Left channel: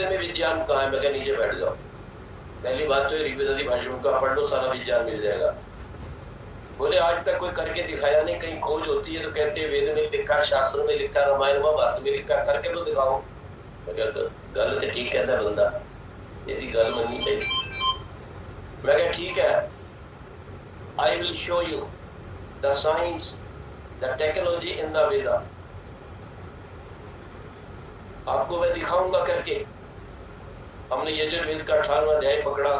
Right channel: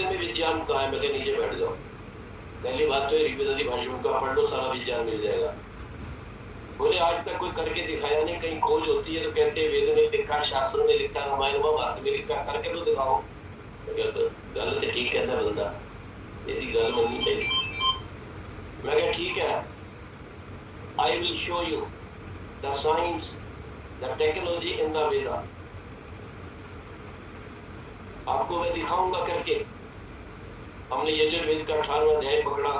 वेद में विज्ञान कहाँ है? मैं क्या नीचे बैठ जाओ। पहली बात तो ऋग्वेद भाषण का पढ़ लो, सारा विज्ञान मिल जाएगा। बोले आज तक कोई करके दिखाया नहीं, कहीं खोज होती है तो कहते हैं वेद में लिखा, शास्त्र में लिखा, रामायण में भारत में लिखा, करके तो दिखाओ। तो गल तो ठीक कहता है बंदा, यदि गल मननी चाहिए। मैं क्या ठीक है, I will show you the science the technology in the Veda. आपको मैं दिखाऊंगा करके। हमने यजुर्वेद का 18वां अध्याय पकड़ा,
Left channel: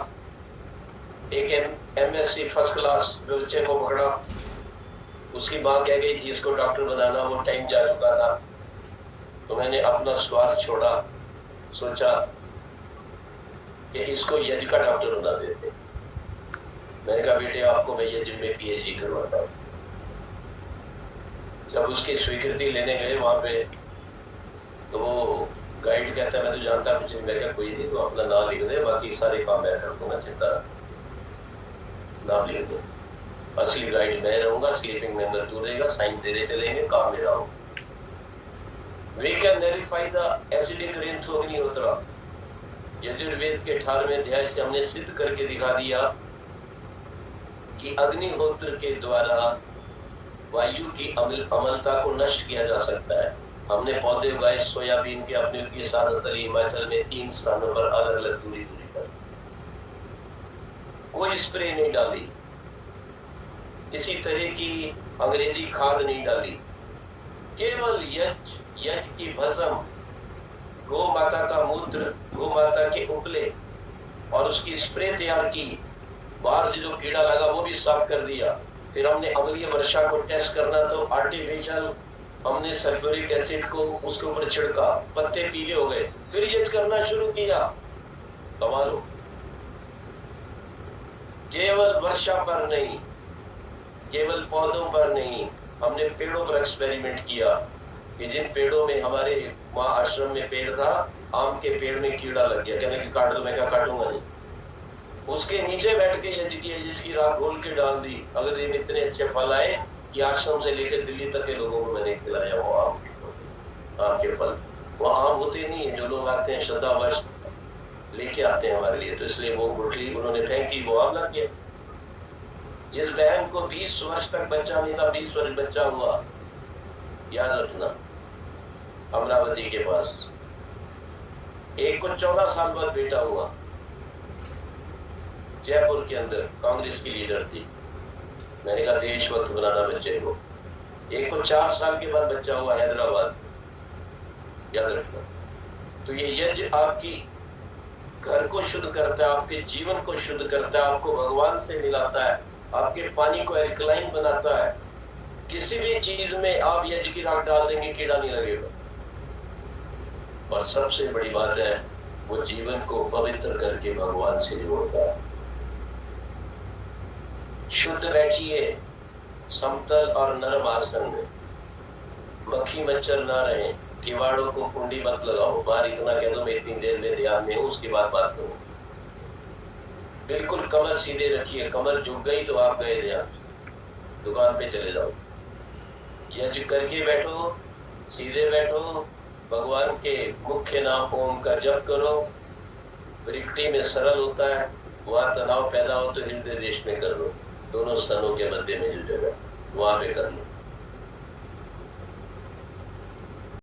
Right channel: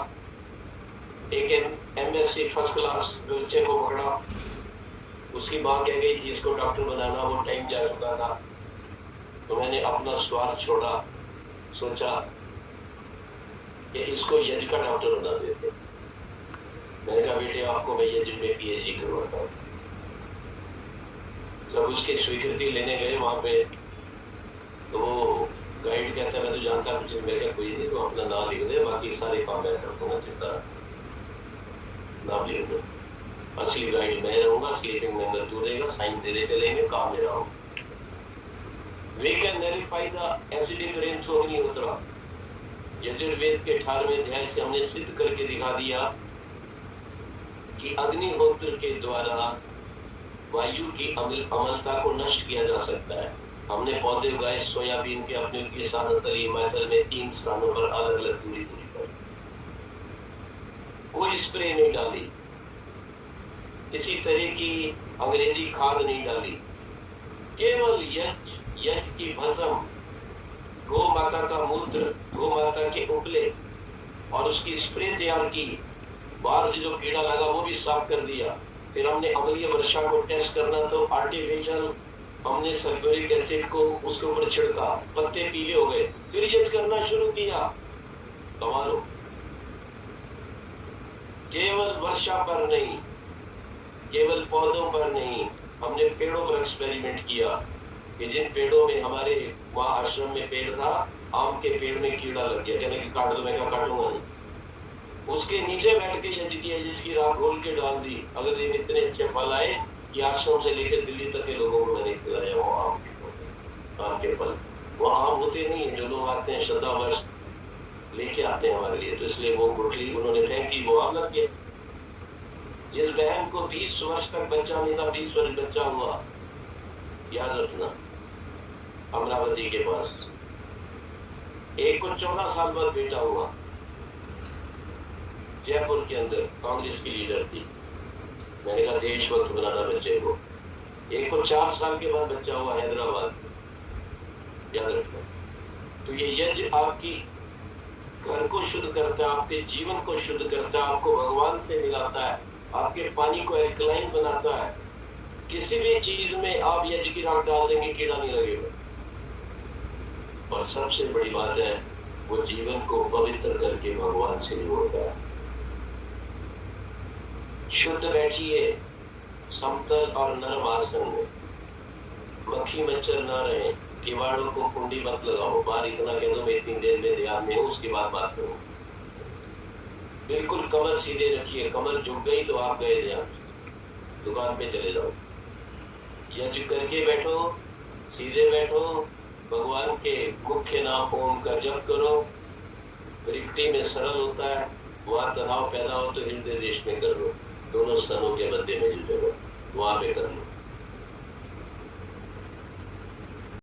एक एमएससी फर्स्ट क्लास बच्चे को पकड़ा, उसकी मां कह गई थी इसको डॉक्टर बनाना, वो टाइम जा चुका था। तो मैंने अपना स्वार्थ छोड़ा, सोचा कि इसको यज्ञ का डॉक्टर बना देते। मैंने कहा बेटे आपको मैं यज्ञ में पीएचडी करवाता हूँ। जब उसकी स्वीकृति लेने गए वहां पे, तो वो गाइड कहता है मैं तो जानता कुछ नहीं। मैं क्या कोई नहीं, तो अपना नाम लिख दे, बाकी सारे काम मैं कर दूंगा, चिंता नाम लिख दो। असली गाइड मैं रहूंगा, स्लीपिंग में अंदर तू रहेगा, साइन देने चलेंगे, काम मेरा होगा। We can nullify the acidic rain through अग्निहोत्र। यजुर्वेद के 18वें अध्याय से हमने सिद्ध करके दिखा दिया कि अग्निहोत्र के द्वारा वायु की अम्लता को नष्ट किया जा सकता है। हमने पौधे उगाए सोयाबीन के अपने के साथ स्थली हिमाचल में 3 स्थानों पर अलग अलग दूरी पर। कोई स्प्रे नहीं डाली, किसी तरह की अंग्रेजी खाद नहीं डाली, केवल यज्ञ की भस्म, गौ माता का मूत्र, गौ माता के उपले और उसकी स्प्रे तैयार की। बाहर से जो कीड़ा लगा वो भी साफ कर दिया। फिर हमने अम्लीय वर्षा को टेस्ट करना, तो आर्टिफिशियल हमने सल्फ्यूरिक एसिड को उसके ऊपर छिड़का, पत्ते पीले हो गए। फिर यज्ञ करना शुरू किया। कमाल हो। केवल वर्षा पर नहीं, केवल पौधों पर नहीं, हमने पेड़ों पर एक्सपेरिमेंट किया कि जिन पेड़ों में, हमारे वहां आश्रम में पेड़ था, आम के पेड़ में कीड़ा लग गया, कहने की काट दो। मैं क्या काटूंगा नहीं। उसके नीचे बैठ के यज्ञ किया, यज्ञ की राख घोल के डाल दी। अगले दिन इतने अच्छे फल आए कि आश्रम से लेकर दिल्ली तक के लोगों को मैंने खिलाया वो आम के फल। वो आम होते नहीं है, जो लोग आते हैं श्रद्धावश लेके आते हैं हमारे लिए, तो इसलिए वो गुठली उन्होंने फेंकी, वो आम लग गए। जिस बहन को 20 वर्ष तक बच्चा नहीं था, 20 वर्ष बच्चा हुआ, याद रखना, अमरावती के पास। एक को 14 साल बाद बेटा हुआ, जयपुर के अंदर कांग्रेस की लीडर थी। मैंने कहा देशभक्त बनाना बच्चे को। एक को 4 साल के बाद बच्चा हुआ हैदराबाद में, याद रखना। तो ये यज्ञ आपकी घर को शुद्ध करता है, आपके जीवन को शुद्ध करता है, आपको भगवान से मिलाता है, आपके पानी को एल्कलाइन बनाता है। किसी भी चीज में आप यज्ञ की राख डाल देंगे, कीड़ा नहीं लगेगा। और सबसे बड़ी बात है, वो जीवन को पवित्र करके भगवान से जोड़ता है। शुद्ध बैठिए समतल और नरम आसन में, मक्खी मच्छर ना रहे, किवाड़ों को कुंडी मत लगाओ। बाहर इतना कह दो मैं इतनी देर में ध्यान में हूं, उसके बाद बात करो। बिल्कुल कमर सीधे रखिए, कमर झुक गई तो आप गए ध्यान, दुकान पे चले जाओ। यज्ञ करके बैठो, सीधे बैठो, भगवान के मुख्य नाम ओम का जप करो। वृक्ति में सरल होता है, वहां तनाव पैदा हो तो हृदय देश में कर लो, दोनों स्तनों के मध्य में जो जगह वहां पे कर लो।